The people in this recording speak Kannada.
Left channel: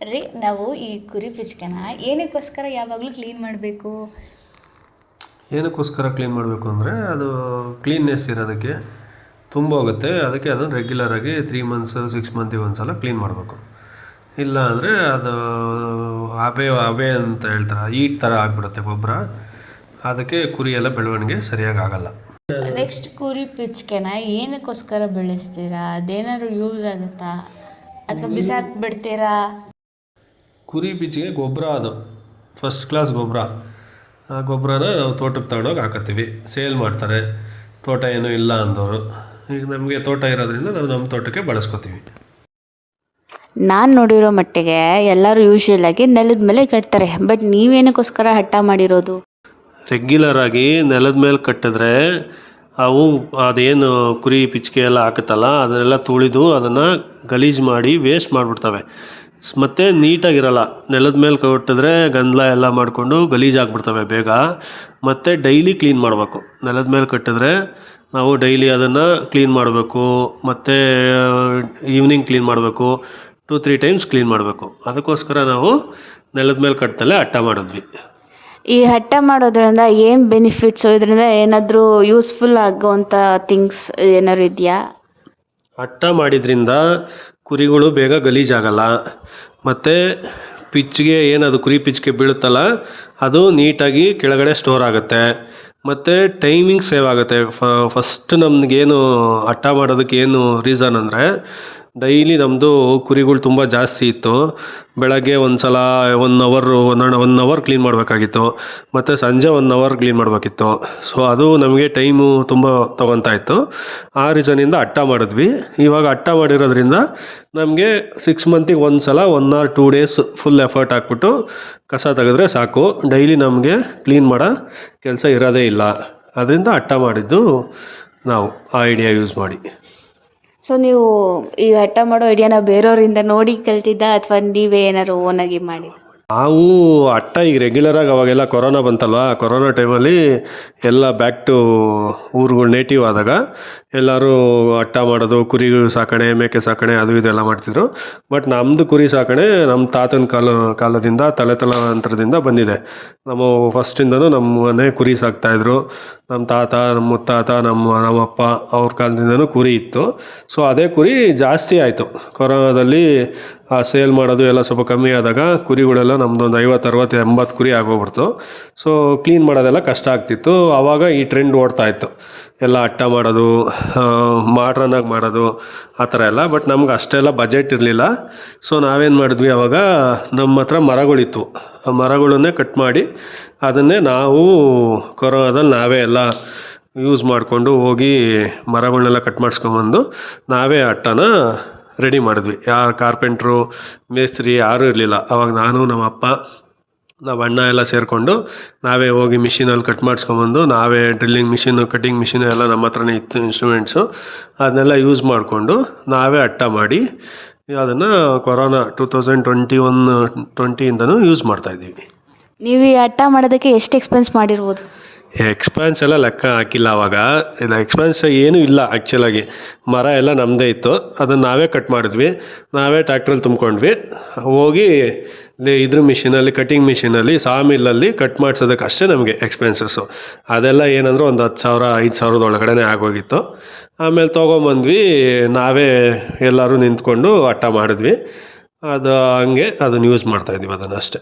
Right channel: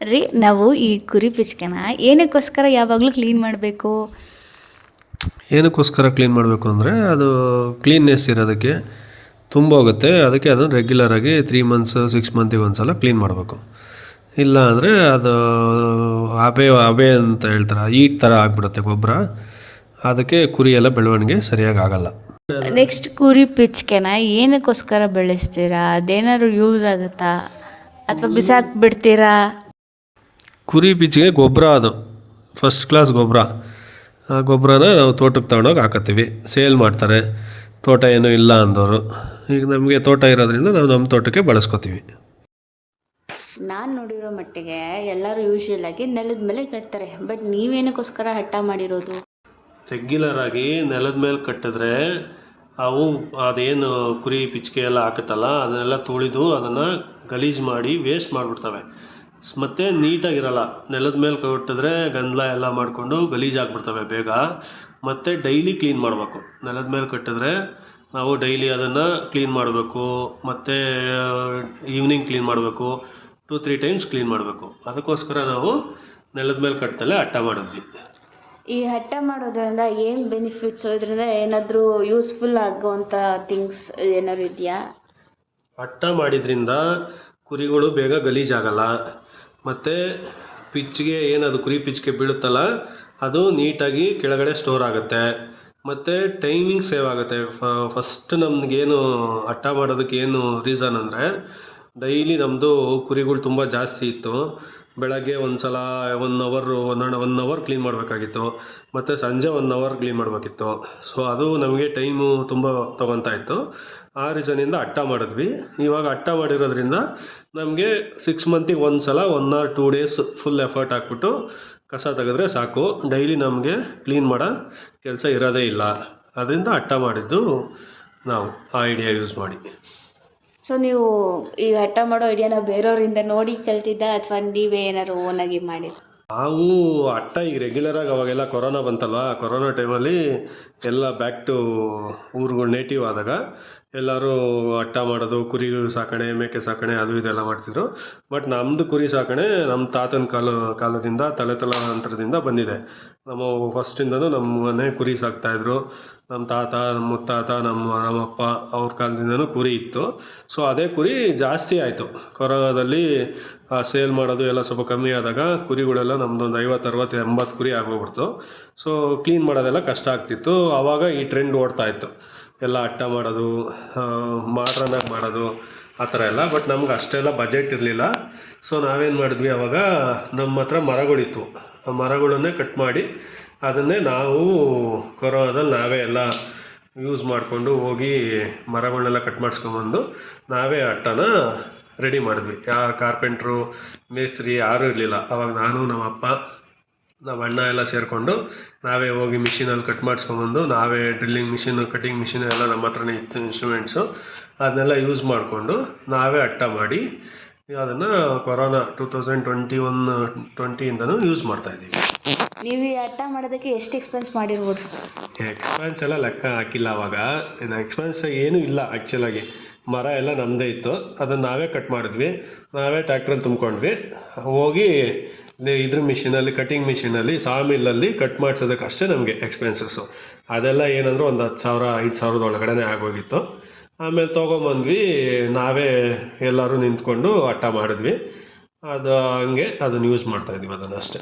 ರೀ ನಾವು ಈ ಕುರಿ ಪಿಚ್ಕನ ಏನಕ್ಕೋಸ್ಕರ ಯಾವಾಗಲೂ ಕ್ಲೀನ್ ಮಾಡಬೇಕು? ಏನಕ್ಕೋಸ್ಕರ ಕ್ಲೀನ್ ಮಾಡಬೇಕು ಅಂದರೆ ಅದು ಕ್ಲೀನ್ನೆಸ್ ಇರೋದಕ್ಕೆ ತುಂಬ ಹೋಗುತ್ತೆ. ಅದಕ್ಕೆ ಅದನ್ನು ರೆಗ್ಯುಲರಾಗಿ 3 ಮಂತ್ಸ್ 6 ಮಂತಿಗೆ ಒಂದು ಸಲ ಕ್ಲೀನ್ ಮಾಡಬೇಕು. ಇಲ್ಲ ಅಂದರೆ ಅದು ಹಬೆ ಅಂತ ಹೇಳ್ತಾರೆ, ಈಟ್ ಥರ ಆಗಿಬಿಡುತ್ತೆ ಗೊಬ್ಬರ. ಅದಕ್ಕೆ ಕುರಿ ಎಲ್ಲ ಬೆಳವಣಿಗೆ ಸರಿಯಾಗಿ ಆಗಲ್ಲ. ನೆಕ್ಸ್ಟ್ ಕುರಿ ಪಿಚ್ಕೆನ ಏನಕ್ಕೋಸ್ಕರ ಬೆಳೆಸ್ತೀರಾ? ಅದೇನಾದ್ರು ಯೂಸ್ ಆಗುತ್ತಾ ಅಥವಾ ಬಿಸಾಕ್ಬಿಡ್ತೀರಾ? ಕುರಿ ಪಿಚ್ಗೆ ಗೊಬ್ಬರ, ಅದು ಫಸ್ಟ್ ಕ್ಲಾಸ್ ಗೊಬ್ಬರ. ಆ ಗೊಬ್ಬರನ ನಾವು ತೋಟಕ್ಕೆ ತಗೊಂಡೋಗಿ ಹಾಕತ್ತೀವಿ, ಸೇಲ್ ಮಾಡ್ತಾರೆ ತೋಟ ಏನೂ ಇಲ್ಲ ಅಂದವರು. ಈಗ ನಮಗೆ ತೋಟ ಇರೋದ್ರಿಂದ ನಾವು ನಮ್ಮ ತೋಟಕ್ಕೆ ಬಳಸ್ಕೊತೀವಿ. ನಾನು ನೋಡಿರೋ ಮಟ್ಟಿಗೆ ಎಲ್ಲರೂ ಯೂಶ್ವಲಾಗಿ ನೆಲದ ಮೇಲೆ ಕಟ್ತಾರೆ, ಬಟ್ ನೀವೇನಕ್ಕೋಸ್ಕರ ಹಠ ಮಾಡಿರೋದು? ರೆಗ್ಯುಲರಾಗಿ ನೆಲದ ಮೇಲೆ ಕಟ್ಟಿದ್ರೆ ಅವು ಅದೇನು ಕುರಿ ಪಿಚ್ಕೆ ಎಲ್ಲ ಹಾಕುತ್ತಲ್ಲ ಅದನ್ನೆಲ್ಲ ತುಳಿದು ಅದನ್ನು ಗಲೀಜು ಮಾಡಿ ವೇಸ್ಟ್ ಮಾಡಿಬಿಡ್ತವೆ. ಮತ್ತು ನೀಟಾಗಿರಲ್ಲ. ನೆಲದ ಮೇಲೆ ಕಟ್ಟಿದ್ರೆ ಗಂಧಲ ಎಲ್ಲ ಮಾಡಿಕೊಂಡು ಗಲೀಜಾಗ್ಬಿಡ್ತವೆ ಬೇಗ. ಮತ್ತು ಡೈಲಿ ಕ್ಲೀನ್ ಮಾಡಬೇಕು. ನೆಲದ ಮೇಲೆ ಕಟ್ಟಿದ್ರೆ ನಾವು ಡೈಲಿ ಅದನ್ನು ಕ್ಲೀನ್ ಮಾಡಬೇಕು. ಮತ್ತು ಈವ್ನಿಂಗ್ ಕ್ಲೀನ್ ಮಾಡಬೇಕು, 2-3 ಟೈಮ್ಸ್ ಕ್ಲೀನ್ ಮಾಡಬೇಕು. ಅದಕ್ಕೋಸ್ಕರ ನಾವು ನೆಲದ ಮೇಲೆ ಕಟ್ಟದಲ್ಲೇ ಹಠ ಮಾಡಿದ್ವಿ. ಈ ಹಠ ಮಾಡೋದ್ರಿಂದ ಏನು ಬೆನಿಫಿಟ್ಸು? ಇದರಿಂದ ಏನಾದರೂ ಯೂಸ್ಫುಲ್ ಆಗೋವಂಥ ಥಿಂಗ್ಸ್ ಏನಾದ್ರು ಇದೆಯಾ? ಹಠ ಮಾಡಿದ್ರಿಂದ ಕುರಿಗಳು ಬೇಗ ಗಲೀಜಾಗಲ್ಲ. ಮತ್ತು ಪಿಚ್ಗೆ ಏನದು ಕುರಿ ಪಿಚ್ಗೆ ಬೀಳುತ್ತಲ್ಲ ಅದು ನೀಟಾಗಿ ಕೆಳಗಡೆ ಸ್ಟೋರ್ ಆಗುತ್ತೆ. ಮತ್ತು ಟೈಮಿಂಗ್ ಸೇವ್ ಆಗುತ್ತೆ. ಫಸ್ಟ್ ನಮಗೇನು ಹಠ ಮಾಡೋದಕ್ಕೆ ಏನು ರೀಸನ್ ಅಂದರೆ, ಡೈಲಿ ನಮ್ಮದು ಕುರಿಗಳು ತುಂಬ ಜಾಸ್ತಿ ಇತ್ತು. ಬೆಳಗ್ಗೆ ಒಂದು ಸಲ 1 ಅವರ್ ಕ್ಲೀನ್ ಮಾಡಬೇಕಾಗಿತ್ತು, ಮತ್ತು ಸಂಜೆ 1 ಅವರ್ ಕ್ಲೀನ್ ಮಾಡಬೇಕಿತ್ತು. ಸೊ ಅದು ನಮಗೆ ಟೈಮು ತುಂಬ ತೊಗೊತಾ ಇತ್ತು. ಆ ರೀಸನಿಂದ ಹಠ ಮಾಡಿದ್ವಿ. ಇವಾಗ ಹಠ ಮಾಡಿರೋದ್ರಿಂದ ನಮಗೆ 6 ಮಂತಿಗೆ ಒಂದು ಸಲ 1 or 2 ಡೇಸ್ ಫುಲ್ ಎಫರ್ಟ್ ಹಾಕ್ಬಿಟ್ಟು ಕಸ ತೆಗೆದ್ರೆ ಸಾಕು. ಡೈಲಿ ನಮಗೆ ಕ್ಲೀನ್ ಮಾಡೋ ಕೆಲಸ ಇರೋದೇ ಇಲ್ಲ. ಅದರಿಂದ ಹಠ ಮಾಡಿದ್ದು ನಾವು ಆ ಐಡಿಯಾ ಯೂಸ್ ಮಾಡಿ. ಸೊ ನೀವು ಈ ಹಠ ಮಾಡೋ ಐಡಿಯಾನ ಬೇರೆಯವರಿಂದ ನೋಡಿ ಕಲ್ತಿದ್ದ ಅಥವಾ ನೀವೇ ಏನಾದ್ರು ಓನಾಗಿ ಮಾಡಿ? ನಾವು ಹಠ ಈಗ ರೆಗ್ಯುಲರಾಗಿ ಅವಾಗೆಲ್ಲ ಕೊರೋನಾ ಬಂತಲ್ವ, ಕೊರೋನಾ ಟೈಮಲ್ಲಿ ಎಲ್ಲ ಬ್ಯಾಕ್ ಟು ಊರುಗಳು ನೇಟಿವ್ ಆದಾಗ ಎಲ್ಲರೂ ಹಠ ಮಾಡೋದು, ಕುರಿ ಸಾಕಣೆ, ಮೇಕೆ ಸಾಕಣೆ ಅದು ಇದೆಲ್ಲ ಮಾಡ್ತಿದ್ರು. ಬಟ್ ನಮ್ಮದು ಕುರಿ ಸಾಕಣೆ ನಮ್ಮ ತಾತನ ಕಾಲದಿಂದ ತಲೆತಲಾಂತರದಿಂದ ಬಂದಿದೆ. ನಮ್ಮ ಫಸ್ಟಿಂದನೂ ನಮ್ಮ ಮನೆ ಕುರಿ ಸಾಕ್ತಾಯಿದ್ರು. ನಮ್ಮ ತಾತ, ನಮ್ಮ ಮುತ್ತಾತ, ನಮ್ಮಪ್ಪ ಅವ್ರ ಕಾಲದಿಂದನೂ ಕುರಿ ಇತ್ತು. ಸೊ ಅದೇ ಕುರಿ ಜಾಸ್ತಿ ಆಯಿತು. ಕೊರೋನಾದಲ್ಲಿ ಸೇಲ್ ಮಾಡೋದು ಎಲ್ಲ ಸ್ವಲ್ಪ ಕಮ್ಮಿ ಆದಾಗ ಕುರಿಗಳೆಲ್ಲ ನಮ್ಮದೊಂದು 50, 60, 80 ಕುರಿ ಆಗೋಗ್ಬಿಡ್ತು. ಸೊ ಕ್ಲೀನ್ ಮಾಡೋದೆಲ್ಲ ಕಷ್ಟ ಆಗ್ತಿತ್ತು. ಆವಾಗ ಈ ಟ್ರೆಂಡ್ ಓಡ್ತಾ ಇತ್ತು, ಎಲ್ಲ ಹಠ ಮಾಡೋದು, ಮಾಡ್ರನ್ನಾಗಿ ಮಾಡೋದು, ಆ ಥರ ಎಲ್ಲ. ಬಟ್ ನಮ್ಗೆ ಅಷ್ಟೆಲ್ಲ ಬಜೆಟ್ ಇರಲಿಲ್ಲ. ಸೊ ನಾವೇನು ಮಾಡಿದ್ವಿ, ಆವಾಗ ನಮ್ಮ ಹತ್ರ ಮರಗಳಿತ್ತು. ಆ ಮರಗಳನ್ನೇ ಕಟ್ ಮಾಡಿ ಅದನ್ನೇ ನಾವು ಕೊರೋನಾದಲ್ಲಿ ನಾವೇ ಎಲ್ಲ ಯೂಸ್ ಮಾಡಿಕೊಂಡು ಹೋಗಿ ಮರಗಳನ್ನೆಲ್ಲ ಕಟ್ ಮಾಡಿಸ್ಕೊಂಬಂದು ನಾವೇ ಹಠನ ರೆಡಿ ಮಾಡಿದ್ವಿ. ಯಾರು ಕಾರ್ಪೆಂಟ್ರು, ಮೇಸ್ತ್ರಿ ಯಾರೂ ಇರಲಿಲ್ಲ. ಆವಾಗ ನಾನು, ನಮ್ಮ ಅಪ್ಪ, ನಮ್ಮ ಅಣ್ಣ ಎಲ್ಲ ಸೇರಿಕೊಂಡು ನಾವೇ ಹೋಗಿ ಮಿಷಿನಲ್ಲಿ ಕಟ್ ಮಾಡಿಸ್ಕೊಂಬಂದು, ನಾವೇ ಡ್ರಿಲ್ಲಿಂಗ್ ಮಿಷಿನು, ಕಟ್ಟಿಂಗ್ ಮಿಷಿನು ಎಲ್ಲ ನಮ್ಮ ಹತ್ರನೇ ಇತ್ತು, ಇನ್ಸ್ಟ್ರೂಮೆಂಟ್ಸು. ಅದನ್ನೆಲ್ಲ ಯೂಸ್ ಮಾಡಿಕೊಂಡು ನಾವೇ ಹಠ ಮಾಡಿ ಅದನ್ನು ಕೊರೋನಾ 2021-20 ಯೂಸ್ ಮಾಡ್ತಾಯಿದ್ದೀವಿ. ನೀವು ಈ ಹಠ ಮಾಡೋದಕ್ಕೆ ಎಷ್ಟು ಎಕ್ಸ್ಪೆನ್ಸ್ ಮಾಡಿರ್ಬೋದು? ಎಕ್ಸ್ಪೆನ್ಸ್ ಎಲ್ಲ ಲೆಕ್ಕ ಹಾಕಿಲ್ಲ ಆವಾಗ. ಇಲ್ಲ, ಎಕ್ಸ್ಪೆನ್ಸ್ ಏನೂ ಇಲ್ಲ ಆ್ಯಕ್ಚುಲಾಗಿ. ಮರ ಎಲ್ಲ ನಮ್ಮದೇ ಇತ್ತು, ಅದನ್ನು ನಾವೇ ಕಟ್ ಮಾಡಿದ್ವಿ, ನಾವೇ ಟ್ಯಾಕ್ಟ್ರಲ್ಲಿ ತುಂಬ್ಕೊಂಡ್ವಿ. ಹೋಗಿ ಇದ್ರ ಮಿಷಿನಲ್ಲಿ, ಕಟ್ಟಿಂಗ್ ಮಿಷಿನಲ್ಲಿ, ಸಾಮಿಲ್ಲಲ್ಲಿ ಕಟ್ ಮಾಡಿಸೋದಕ್ಕೆ ಅಷ್ಟೇ ನಮಗೆ ಎಕ್ಸ್ಪೆನ್ಸಸ್ಸು. ಅದೆಲ್ಲ ಏನಂದ್ರೆ ಒಂದು 10,000 5,000 ಒಳಗಡೆ ಆಗೋಗಿತ್ತು. ಆಮೇಲೆ ತೊಗೊಂಬಂದ್ವಿ, ನಾವೇ ಎಲ್ಲರೂ ನಿಂತ್ಕೊಂಡು ಹಠ ಮಾಡಿದ್ವಿ. ಅದು ಹಂಗೆ ಅದನ್ನು ಯೂಸ್ ಮಾಡ್ತಾಯಿದ್ವಿ ಅದನ್ನು ಅಷ್ಟೇ.